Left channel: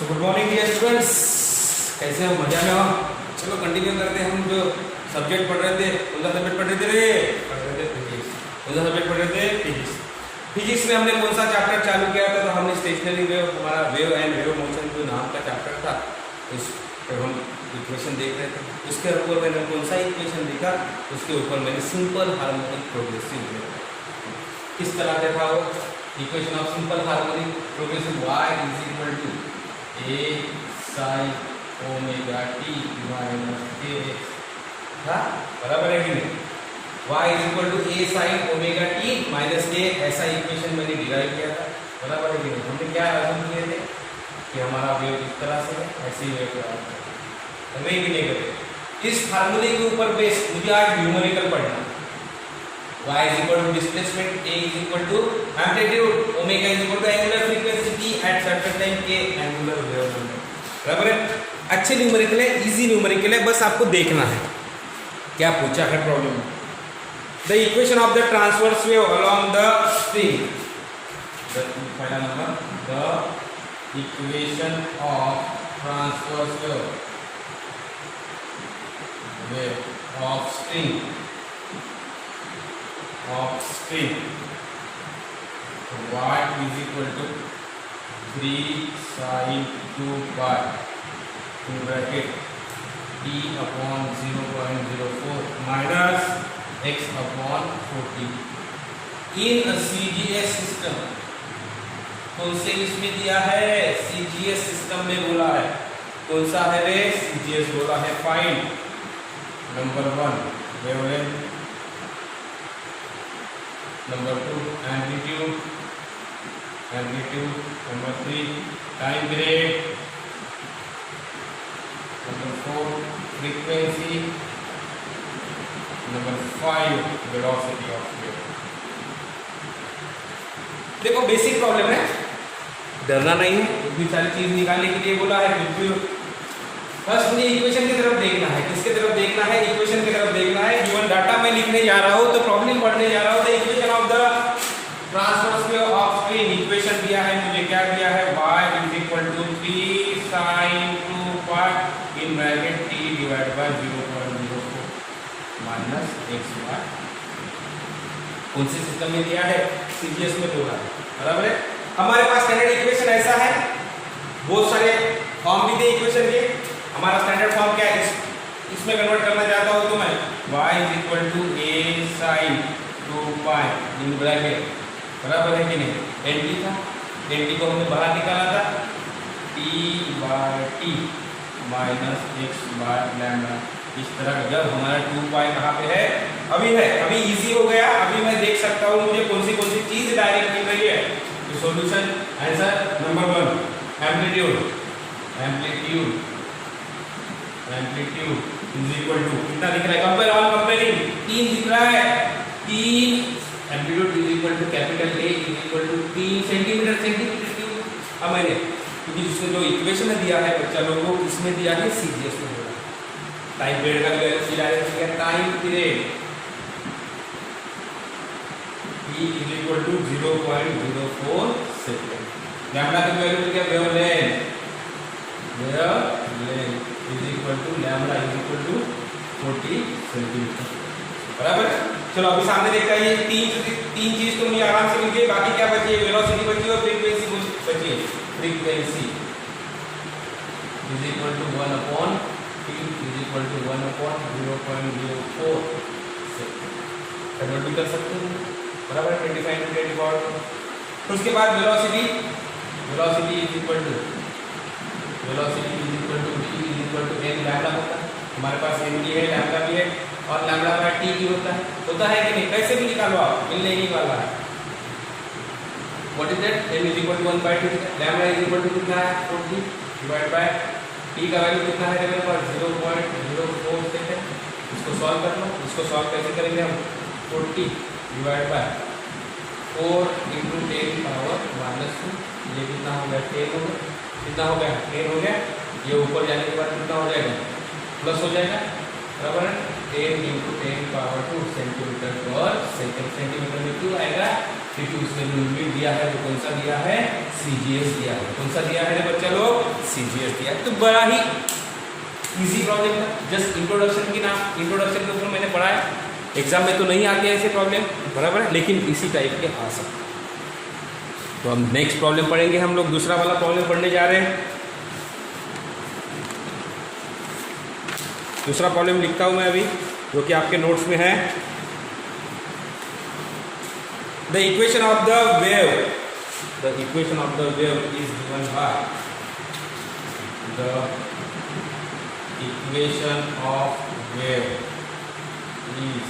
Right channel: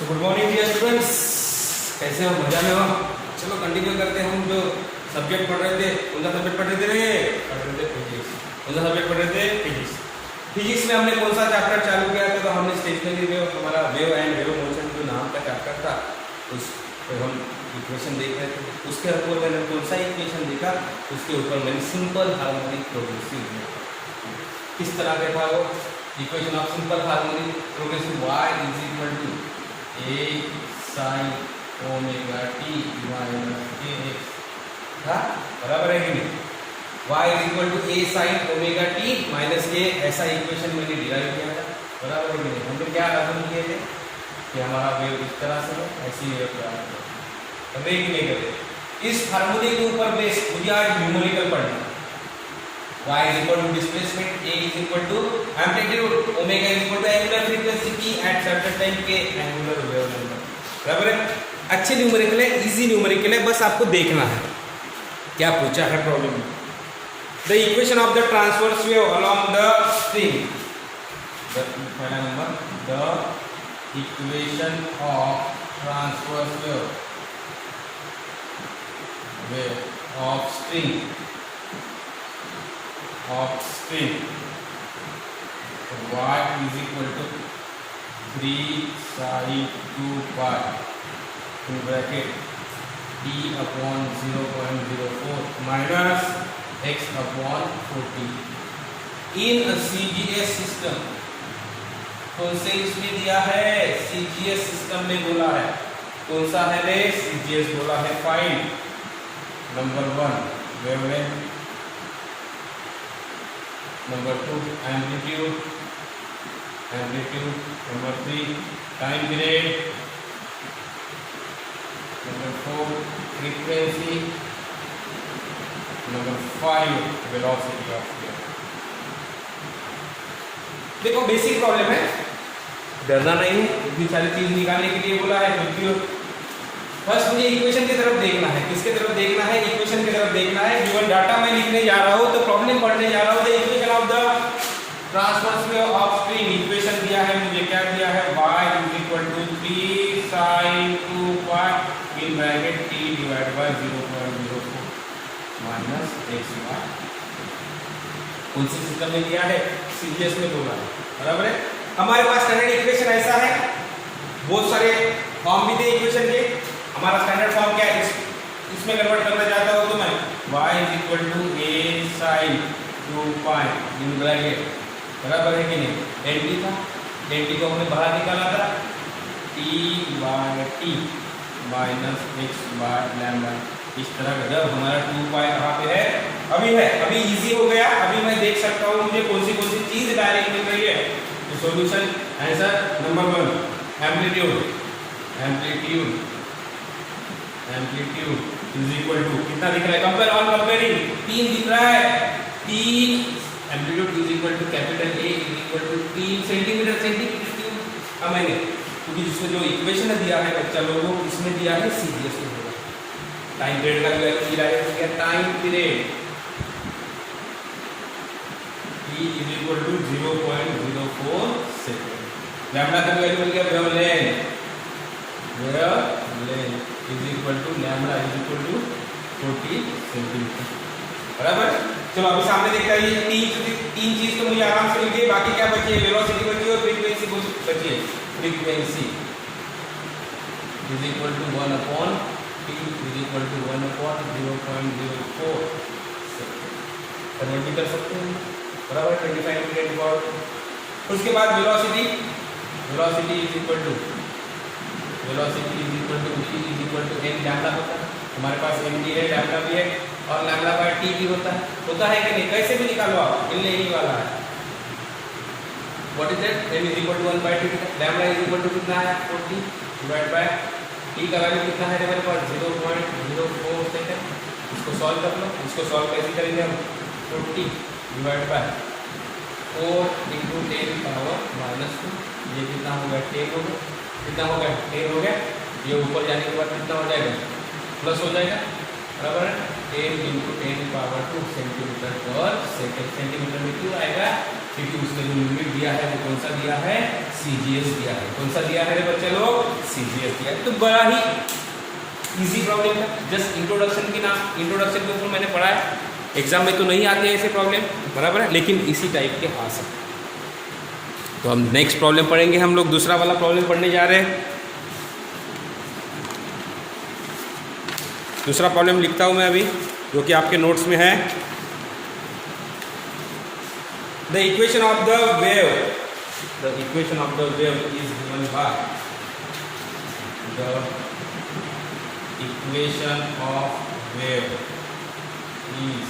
तो good morning dear students, कैसे हो? मजा में हो? चलो कंटिन्यू करते हैं। हम जो सब्जेक्ट पढ़ रहे थे, कौन सा सब्जेक्ट पढ़ रहे थे? फिजिक्स। कौन सा सब्जेक्ट पढ़ रहे थे? फिजिक्स। फिजिक्स में हमने कौन सा चैप्टर चालू किया था? तो हमने स्टेशनरी वेव, हमारा वेव एंड वेव मोशन जो नाम का चैप्टर था, उस पर हम इक्वेशन देख रहे थे। उसके ऊपर मैंने कौन सा इक्वेशन देखा? उसके ऊपर मैंने सिंपल हार्मोनिक प्रोग्रेसिव वेव, किस तरह का था वो equation of simple harmonic progressive y is equal to a sin omega t minus kx था, बराबर है कि नहीं? y is equal to a sin omega t minus a, ऐसा इक्वेशन मैंने डिराइव किया था, बराबर है कि नहीं? हमने क्या अज्यूम किए थे कि हमारा वेव इस तरह से है, ऐसे ही वेव तैयार होगा, समझे कि नहीं करते? इस फार्मूले के ऊपर बेस मुझे आज न्यूमेरिकल पढ़ना। y is equal to displacement, a is equal to amplitude, omega is equal to angular frequency t at certain time k angular wave number, बराबर है? अच्छे न्यूमेरिकल है, इजी न्यूमेरिकल है, बस आपको देखना है क्या पूछा है प्रॉब्लम में। The equation of the transverse wave along the string, पहला number, the equation of transverse wave of string y is equal to 3 sin 2 pi in bracket t upon 0.04 minus x upon 40 in a CGS system। कौन से इसमें दिया है? CGS system में बोला है। कौन सा है रे? CGS बोला है। Find number 1 wavelength, number 2 amplitude, number 3 time period, number 4 frequency, number 5 velocity of wave. देखो बेसिक प्रॉब्लम है, डरना नहीं है, इतनी सारी चीज निकालने के लिए बोला है। क्योंकि फर्स्ट मुझे इक्वेशन की तरफ देखना है। किसके तरफ देखना है? इक्वेशन की तरफ देखना है। गिवन डाटा मैं लिखने जा रहा हूं, तो प्रॉब्लम पढ़ने जा रहा हूं। The equation of the transverse wave of string, equation दिया है मुझे, क्या दिया है? y is equal to 3 sin 2 pi in bracket t divide by 0.04 minus x by. कौन से सिस्टम में दिया है? सीजीएस में बोला है, बराबर है? हमारे पास स्टैंडर्ड इक्वेशन ऐसा है, बहुत सारे फॉर्म भी थे इक्वेशन के। हमारा स्टैंडर्ड फॉर्म क्या है? इसमें कन्वर्ट करना चाहता हूं तो मैं y is equal to a sin 2 pi in bracket, बराबर है कि नहीं? nt था, nt को हमने बाहर निकाला था, t by t minus x by lambda. इस तरह का जब हमारा 2 pi कहाँ पे है? अभी है, अभी इजी हो गया। अभी मैं देख सकता हूँ मुझे कौन सी चीज डायरेक्ट मिल रही है। Solution answer number 1 amplitude is equal to कितना दिख रहा है? कंपेयर ऑन कंपेयरिंग 3 दिख रहा है। 3 amplitude is equal to capital A is equal to 3 centimetre centimetre. अब मैंने क्योंकि जिसने जो इक्वेशन दिया है बच्चा लोगों को, इसमें दिया है सीजीएस में बोला टाइम पीरियड का वैल्यू दिया है। Time period t is equal to 0.04 second. Lambda का वैल्यू मिल गया wavelength is equal to lambda is equal to 40 centimetre, बराबर। चलो अभी सामने देखता है, ये तीन चीज तो मुझे आराम से मिल गई। बाकी क्या बची? वेलोसिटी बची और फ्रीक्वेंसी बची है। Frequency is equal to 1 upon t is equal to 1 upon 0.04 second. Convert भी कर सकते हैं, बराबर। 25 टू 10 उसके बाद velocity is equal to v is equal to n lambda होता है। हमारे पास n भी है, लैम्डा भी है, और लैम्डा बाय t भी होता है कि नहीं? कैसे भी निकालो आप, मिलने ही वाला है। What is that? n is equal to 1 by 2, lambda is equal to कितना है? 40 डिवाइड बाय t का वैल्यू कितना है मेरे पास? 0.04 सेकंड। इसको सॉल्व कर लो। इसको सॉल्व कैसे करेंगे हम? 40 divide bye 4 into 10 power minus 2, ये कितना हो गया? 10 हो गया। कितना हो गया? 10 हो गया। ये ऊपर जाने के बाद कितना हो जाएगा? प्लस हो जाएगा, बराबर है। 10 इंटू 10 पावर 2 सेंटीमीटर पर सेकंड। सेंटीमीटर में क्यों आएगा? क्योंकि उसने जो यूनिट दिया है वो कौन सा दिया है, CGS दिया है। कौन सा दिया है रे बच्चा लोग, CGS दिया है। तो बड़ा ही इजी प्रॉब्लम है, जस्ट इंट्रोडक्शन की नाम, इंट्रोडक्शन के ऊपर मैंने पढ़ा है। एग्जाम में तो नहीं आते ऐसे प्रॉब्लम, बराबर है, लेकिन इसी टाइप के आ सकते। तो हम नेक्स्ट प्रॉब्लम पढ़ेंगे, हम लोग दूसरा वाला प्रॉब्लम पढ़ने जा रहे हैं। दूसरा प्रॉब्लम लिखता हूं मैं अभी, जो कि आपके नोट्स में है। The equation of the wave, the equation of the wave is given by, the equation of wave is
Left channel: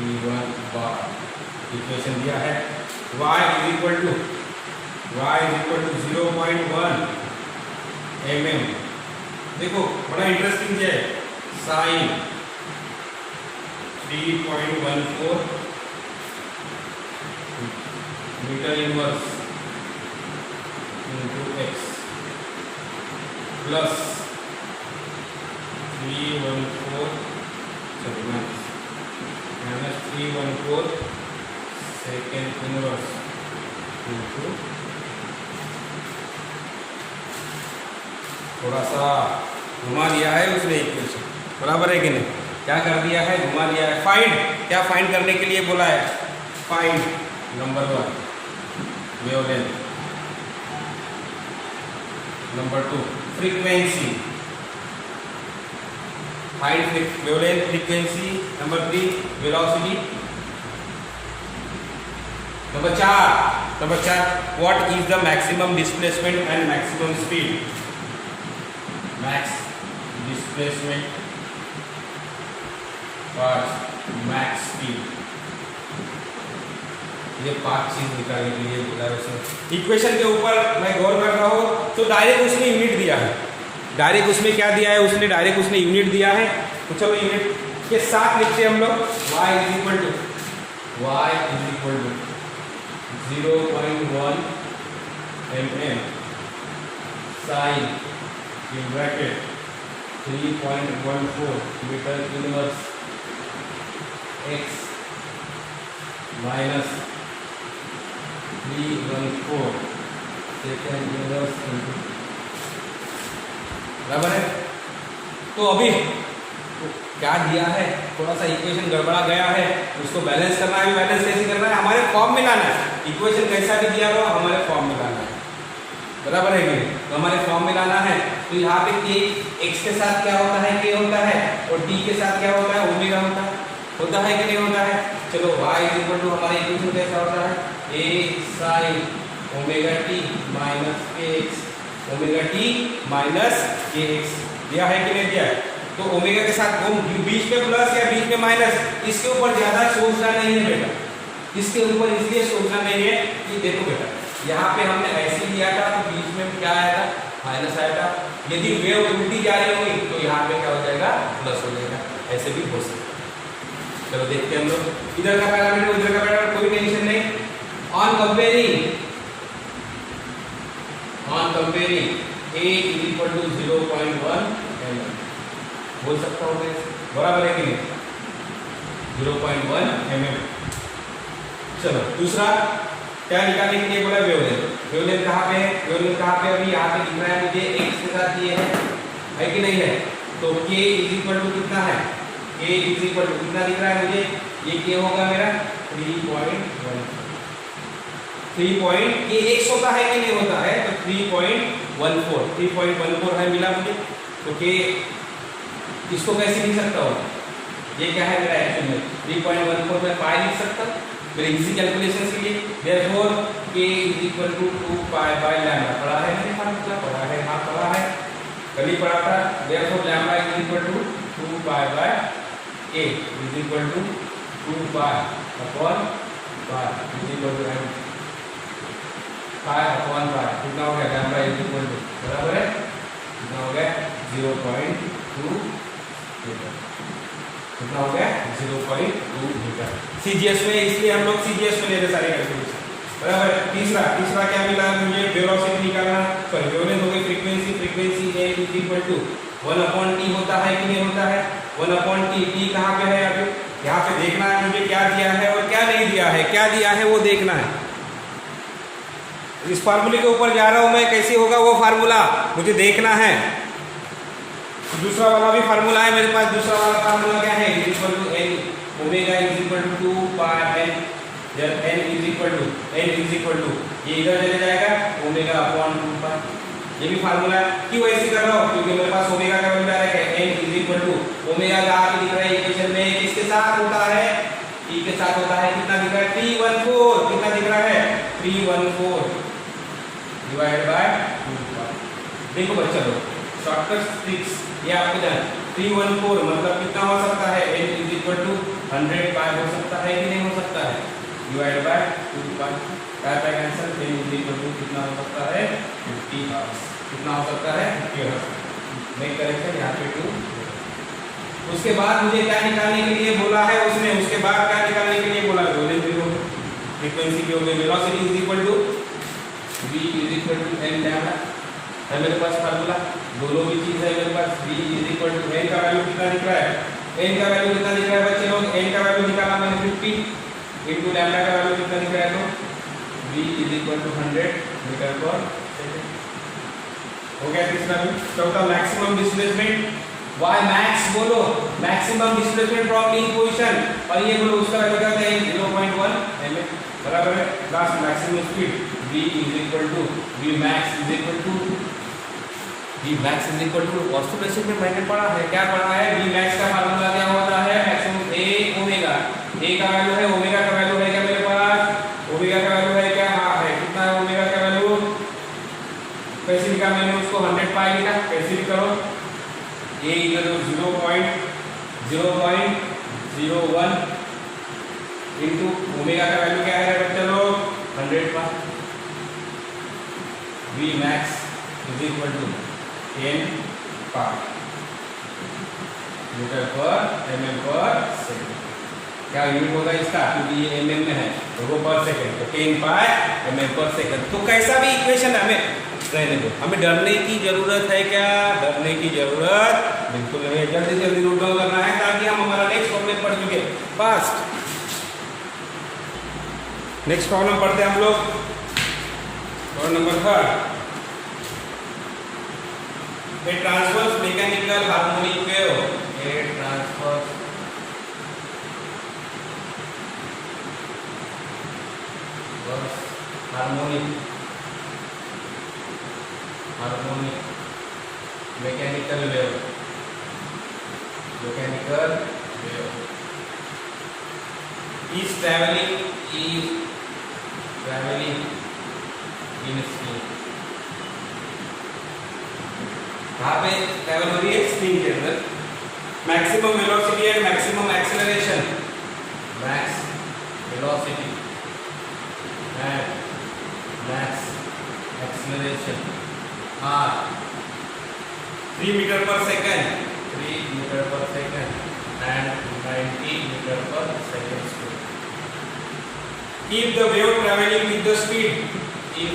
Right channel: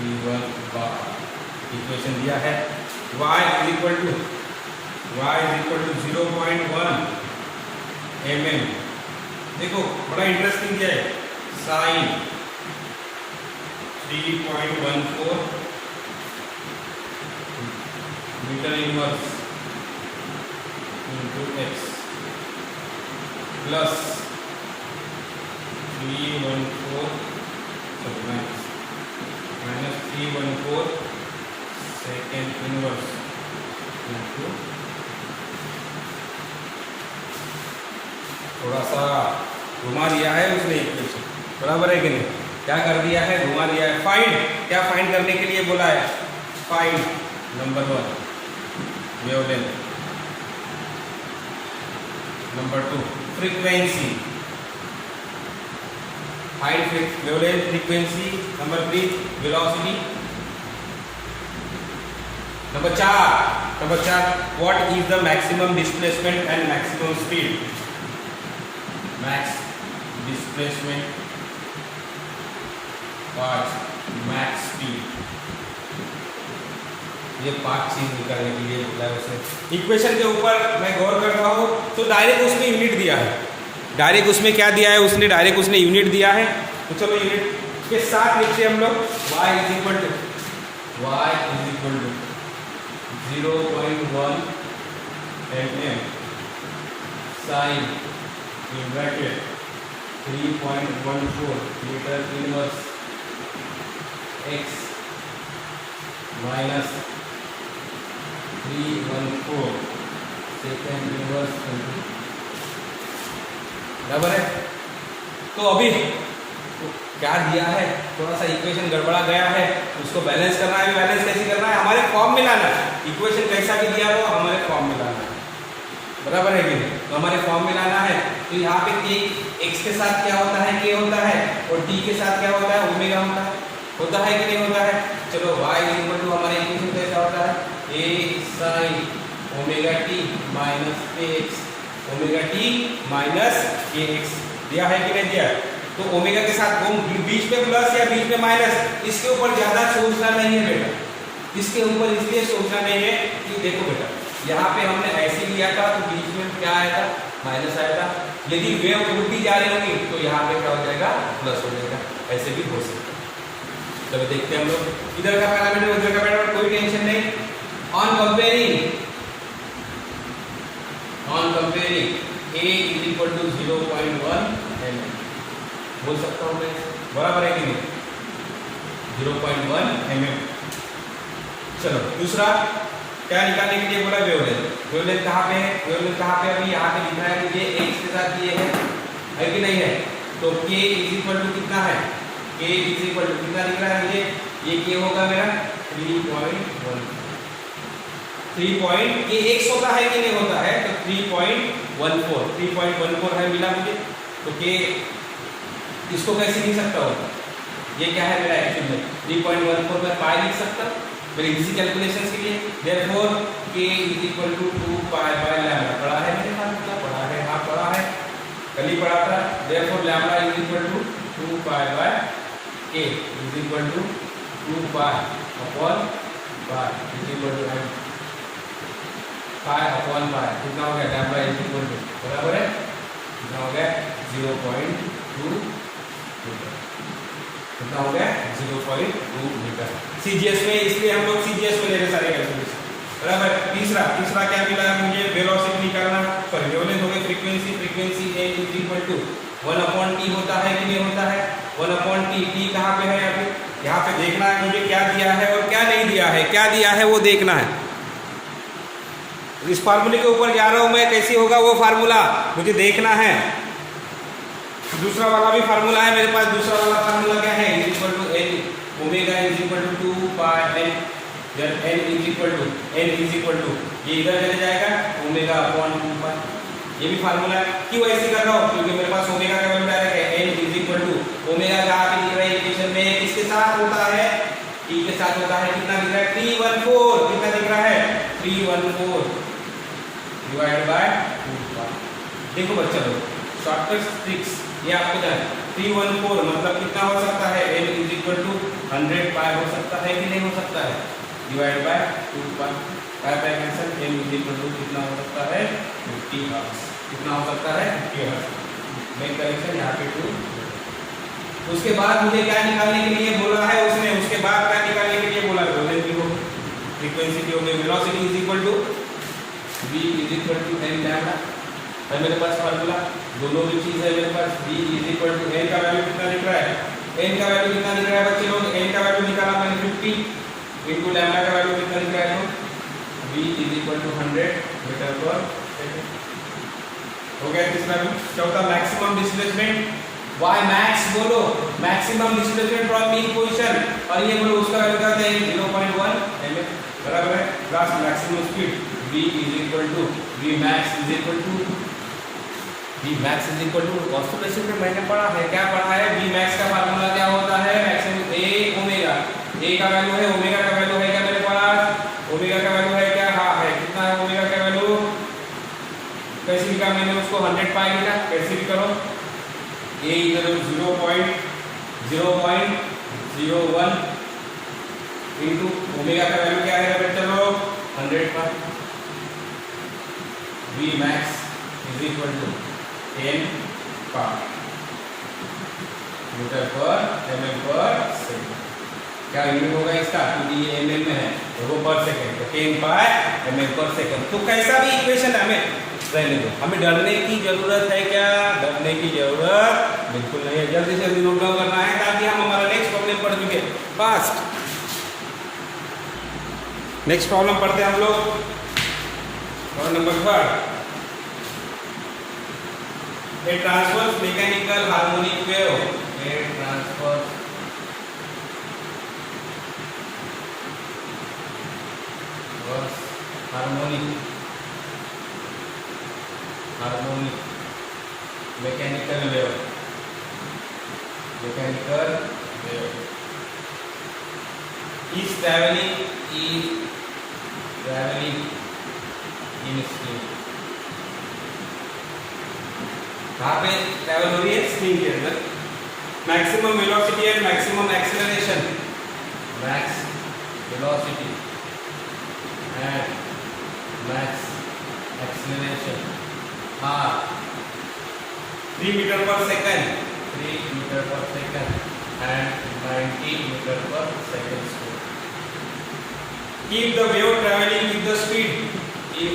given by, equation दिया है y is equal to 0.1 mm। देखो बड़ा इंटरेस्टिंग क्या है, sine 3.14 metre inverse into x plus 314 second inverse into, थोड़ा सा घुमा दिया है उसने इक्वेशन, बराबर है कि नहीं, क्या कर दिया है, घुमा दिया है। फाइंड, क्या फाइंड करने के लिए बोला है, find number 1 wavelength, number 2 frequency, find wavelength frequency, number 3 velocity, number 4 what is the maximum displacement and maximum speed, max displacement और मैक्स स्पीड। ये 5 चीज निकालने के लिए बोला है उसने। इक्वेशन के ऊपर मैं गौर करता हूँ तो डायरेक्ट उसने यूनिट दिया है, डायरेक्ट उसमें क्या दिया है, उसने डायरेक्ट उसने यूनिट दिया है। तो चलो यूनिट के साथ लिखते हैं हम लोग, y is equal to 0.1 mm sine in bracket 3.14 metre inverse x minus 314 second inverse, बराबर है। तो अभी तो क्या दिया है, थोड़ा सा इक्वेशन गड़बड़ा गया है, उसको बैलेंस करना है। बैलेंस कैसे करना है, हमारे फॉर्म में लाना है। इक्वेशन कैसा भी दिया हो हमारे फॉर्म में लाना है, बराबर है कि नहीं, तो हमारे फॉर्म में लाना है। तो यहाँ पे k x के साथ क्या होता है, k होता है, और t के साथ क्या होता है, ओमेगा होता है कि नहीं होता है। चलो y इज इक्वल टू, हमारा इक्वेशन कैसा होता है, a sin omega t minus kx, omega t minus kx, दिया है कि नहीं दिया है। तो ओमेगा के साथ बीच में प्लस या बीच में माइनस, इसके ऊपर ज्यादा सोचना नहीं है बेटा, इसके ऊपर इसलिए सोचना नहीं है कि देखो बेटा यहाँ पे हमने ऐसे लिया था तो बीच में क्या आया था, माइनस आया था। यदि वेव उल्टी जा रही होगी तो यहाँ पे क्या हो जाएगा, प्लस हो जाएगा, ऐसे भी हो सकता है। चलो देखते हैं हम लोग, इधर का पैरामीटर उधर का पैरामीटर, कोई टेंशन नहीं। On comparing a is equal to 0.1 mm, बोल सकता हूँ मैं, बराबर है कि नहीं, 0.1 mm। चलो दूसरा क्या निकालने के लिए बोला, वेवलेंथ। वेवलेंथ कहाँ पे है, वेवलेंथ कहाँ पे, अभी यहाँ पे दिख रहा है मुझे x के साथ ये है कि नहीं है। तो k इज इक्वल टू कितना है, k इज इक्वल टू कितना दिख रहा है मुझे, ये k होगा मेरा 3.1 k x होता है कि नहीं होता है, तो 3.14 है मिला मुझे। तो k इसको कैसे लिख सकता हूँ, ये क्या है मेरा एक्चुअल में 3.14 में पाई लिख सकता हूँ मेरे इजी कैलकुलेशन के लिए। Therefore k is equal to 2 pi by lambda, पढ़ा है मैंने, फार्मूला पढ़ा है, हाँ पढ़ा है, कल ही पढ़ा था। Therefore lambda is equal to 2 pi by k is equal to 2 pi upon pi is equal to pi upon pi, कितना हो गया, लैम्डा इज इक्वल टू, बराबर है, कितना हो गया 0.2 मीटर, कितना हो गया 0.2 मीटर। CGS में, इसलिए हम लोग CGS में ले रहे सारे कैलकुलेशन, बराबर। तीसरा क्या मिला है मुझे, वेलोसिटी निकालना, सॉरी वेवलेंथ हो गई, frequency a is equal to 1/t होता है कि नहीं होता है, 1/t, t कहाँ पे है यहाँ पे, यहाँ पे देखना है मुझे क्या दिया है और क्या नहीं दिया है, क्या दिया है वो देखना है। इस फार्मूले के ऊपर जा रहा हूँ मैं, कैसे होगा वो फार्मूला मुझे देखना है। दूसरा वाला भी फार्मूला है मेरे पास। दूसरा वाला फार्मूला क्या है, is equal to N omega is equal to 2 pi N, जब एन इज इक्वल टू ये इधर चले जाएगा ओमेगा अपॉन 2 पाई। ये भी फार्मूला है। क्यों ऐसे कर रहा हूँ, क्योंकि मेरे पास ओमेगा का वैल्यू डायरेक्ट है। N is equal to omega कहाँ पे दिख रहा है इक्वेशन में, किसके साथ होता है, टी के साथ होता है। कितना दिख रहा है 314, कितना दिख रहा है 314 डिवाइड बाय 2 पाई। देखो बच्चा लोग शॉर्टकट ट्रिक्स ये आपको जान 314 मतलब कितना हो सकता है, n is equal to 100 pi हो सकता है कि नहीं हो सकता है, divide by 2 pi. Pi pi cancel, n is equal to कितना हो सकता है 50 हर्ट्ज। कितना हो सकता है 50 हर्ट्ज। मेक करेक्शन यहाँ पे 2। उसके बाद मुझे क्या निकालने के लिए बोला है उसने, उसके बाद क्या निकालने के लिए बोला है, वोल्टेज की हो फ्रीक्वेंसी की हो गई, velocity is equal to v is equal to n lambda है मेरे पास फार्मूला। दोनों भी चीज है मेरे पास। v is equal to n का वैल्यू कितना दिख रहा है, n का वैल्यू कितना दिख रहा है बच्चे लोग, n का वैल्यू निकाला मैंने 50 इनटू लैम्डा का वैल्यू कितना दिख रहा है, तो v is equal to 100 metre per second. हो गया तीसरा भी। चौथा मैक्सिमम डिस्प्लेसमेंट, y मैक्स बोलो, maximum displacement from mean position, और ये बोलो उसका वैल्यू क्या होता है 0.1 mm बराबर है। Last maximum speed v is equal to v max is equal to oscillation में मैंने पढ़ा है, क्या पढ़ा है, v मैक्स का फार्मूला क्या होता है, मैक्सिमम a ओमेगा, a का वैल्यू है, ओमेगा का वैल्यू है क्या मेरे पास, ओमेगा का वैल्यू है क्या, हाँ है। कितना है ओमेगा का वैल्यू, कैसे लिखा मैंने उसको 100 पाई लिखा, कैसे भी करो, a इधर 0.01 इनटू ओमेगा का वैल्यू क्या है बच्चा लोग 100 pi. v max is equal to n pi metre per mm per second. क्या यूनिट होगा इसका, क्योंकि ये mm में है और वो पर सेकंड, तो 10 पाई mm पर सेकंड। तो कैसा भी इक्वेशन हमें रहने दो, हमें डरने की जरूरत है क्या, डरने की जरूरत बिल्कुल नहीं। जल्दी से जल्दी नोट डाउन करना है ताकि हम हमारा नेक्स्ट प्रॉब्लम पढ़ चुके फास्ट। नेक्स्ट प्रॉब्लम पढ़ते हैं हम लोग, problem number 3। A transverse mechanical harmonic wave, a transverse harmonic mechanical wave is traveling in speed। कहाँ पे ट्रैवल हो रही है, स्क्रीन के अंदर। Maximum velocity and maximum acceleration, max velocity and max acceleration are 3 metre per second, 3 metre per second and 90 metre per second square. Keep the wave traveling with the speed, keep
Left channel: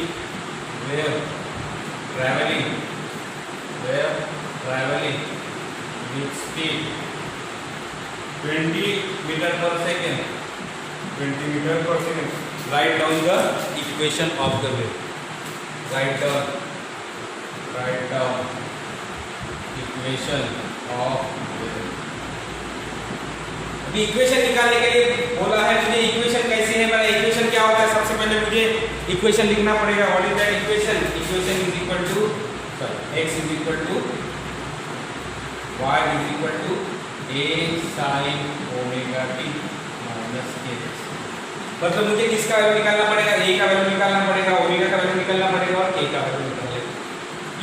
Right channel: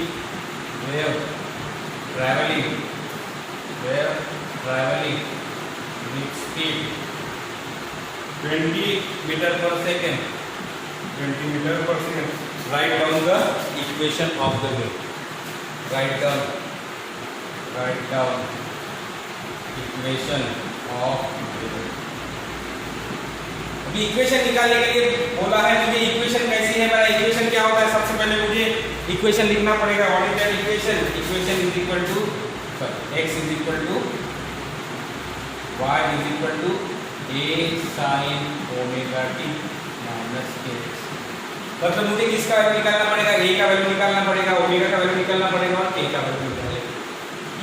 wave traveling with speed 20 meter per second, 20 meter per second। Write down the equation of the wave, write down equation of the wave। अभी equation निकालने के लिए बोला है मुझे, equation कैसी है, मेरा इक्वेशन क्या होता है, सबसे पहले मुझे इक्वेशन लिखना पड़ेगा। What is that equation, equation is equal to x is equal to y is equal to a sin omega t minus kx। मतलब मुझे किसका वैल्यू निकालना पड़ेगा, a का वैल्यू निकालना पड़ेगा, ओमेगा का वैल्यू निकालना पड़ेगा और k का वैल्यू निकालना पड़ेगा।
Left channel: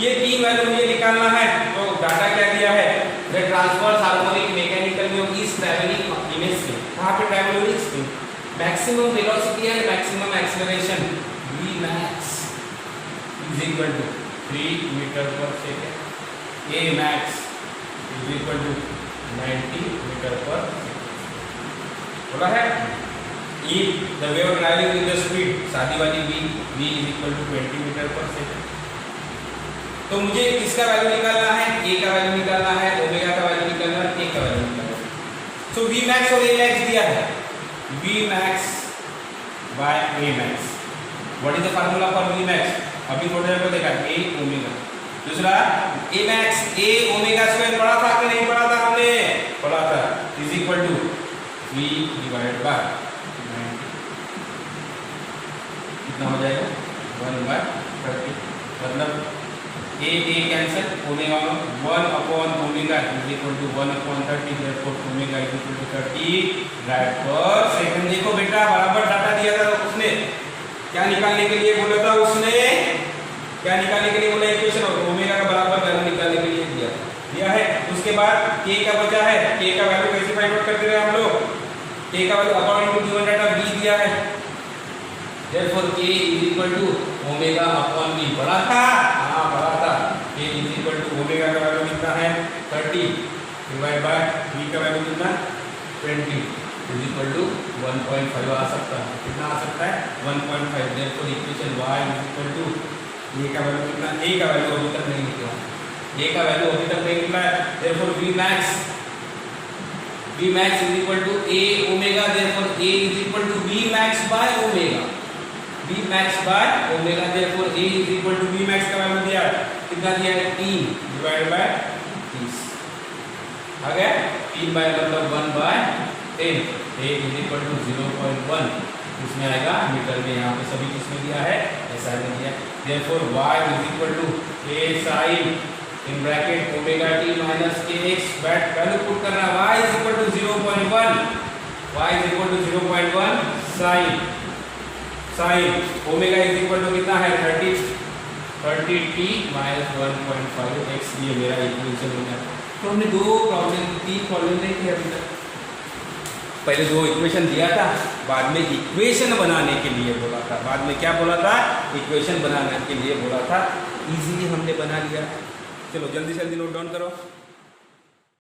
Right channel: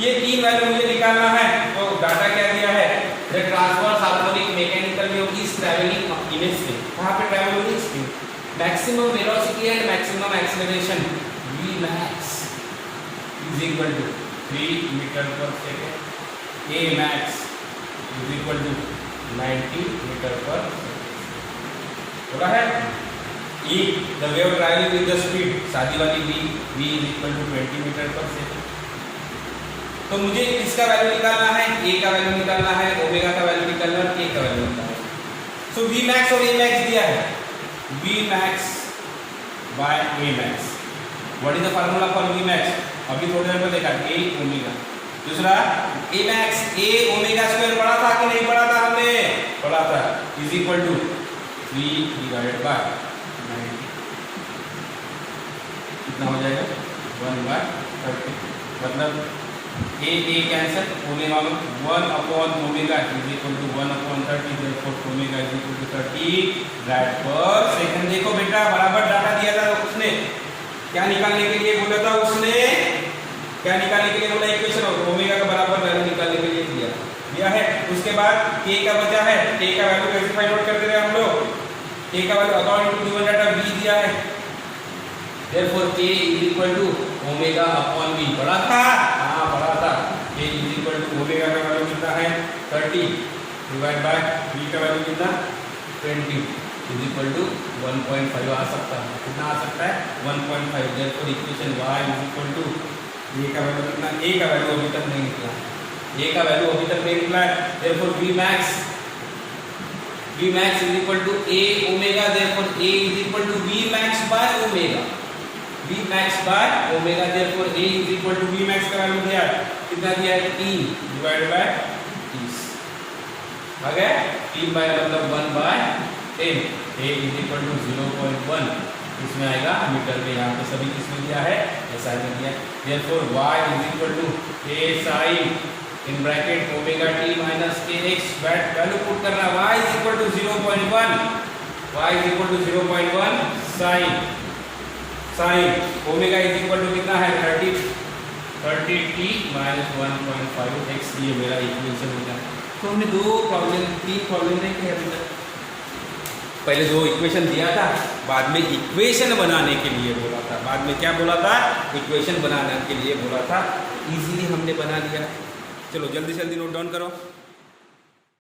ये तीन वैल्यू मुझे निकालना है। तो डाटा क्या दिया है, the transverse harmonic mechanical wave is travelling in a speed, कहां पे ट्रैवल हो रही है, speed, maximum velocity and maximum acceleration v max is equal to 3 metre per second, a max is equal to 90 metre per second. बोला है e the wave traveling with the speed, सादी वाली v is equal to 20 metre per second. तो मुझे किसका value निकालना है, a का वैल्यू निकालना है, ओमेगा का वैल्यू निकालना है, k का वैल्यू निकालना है। सो v max और a max by A max. What is the formula for V max? अभी थोड़ी देर को देखा, ए ओमेगा। दूसरा A max A omega square पढ़ा था कि नहीं पढ़ा था? हमने पढ़ा था, is equal to 3 divided by 90। कितना हो जाएगा? 1/30। मतलब ए कैंसिल, ओमेगा में 1 upon omega is equal to 1/30, therefore omega is equal to 30 rad per second. देखो बेटा, बराबर डाटा दिया था उसने, क्या निकालने के लिए बोला था उसने? क्या निकालने के लिए बोला? इक्वेशन और ओमेगा का बराबर वैल्यू निकालने के लिए दिया है। उसके बाद के का बचा है, के का वैल्यू कैसे फाइंड आउट करते हैं हम लोग? के का value according to given data B दिया है, therefore K is equal to omega upon B. पढ़ा था? हाँ पढ़ा था। K is equal to omega का वैल्यू कितना है? 30 डिवाइड बाय बी का वैल्यू कितना? 20 इज इक्वल टू 1.5 आ सकता है। कितना आ सकता है? 1.5। Therefore equation y is equal to A का वैल्यू कितना? ए का वैल्यू अभी तक नहीं निकला, ए का वैल्यू अभी तक नहीं निकला है। Therefore v max is equal to a omega, therefore a is equal to v max by omega, v max by omega, therefore a is equal to v max का वैल्यू दिया है, कितना दिया है? 3 डिवाइडेड बाय 30 आ गया। 3 bye मतलब 1/10, a is equal to 0.1 इसमें आएगा मीटर में। यहाँ पे सभी किसमें दिया है? SI में दिया है। Therefore y is equal to a sin in bracket omega t minus kx, value put करना, y is equal to 0.1, y is equal to 0.1 sin omega is equal to कितना है? 30t minus 1.5 x। ये मेरा equation हो जाए। तो हमने दो प्रॉब्लम, 3 प्रॉब्लम नहीं किया अभी तक। पहले 2 इक्वेशन दिया था, बाद में इक्वेशन बनाने के लिए बोला था। बाद में क्या बोला था? इक्वेशन बनाने के लिए बोला था। इजीली हमने बना लिया। चलो जल्दी जल्दी नोट डाउन करो।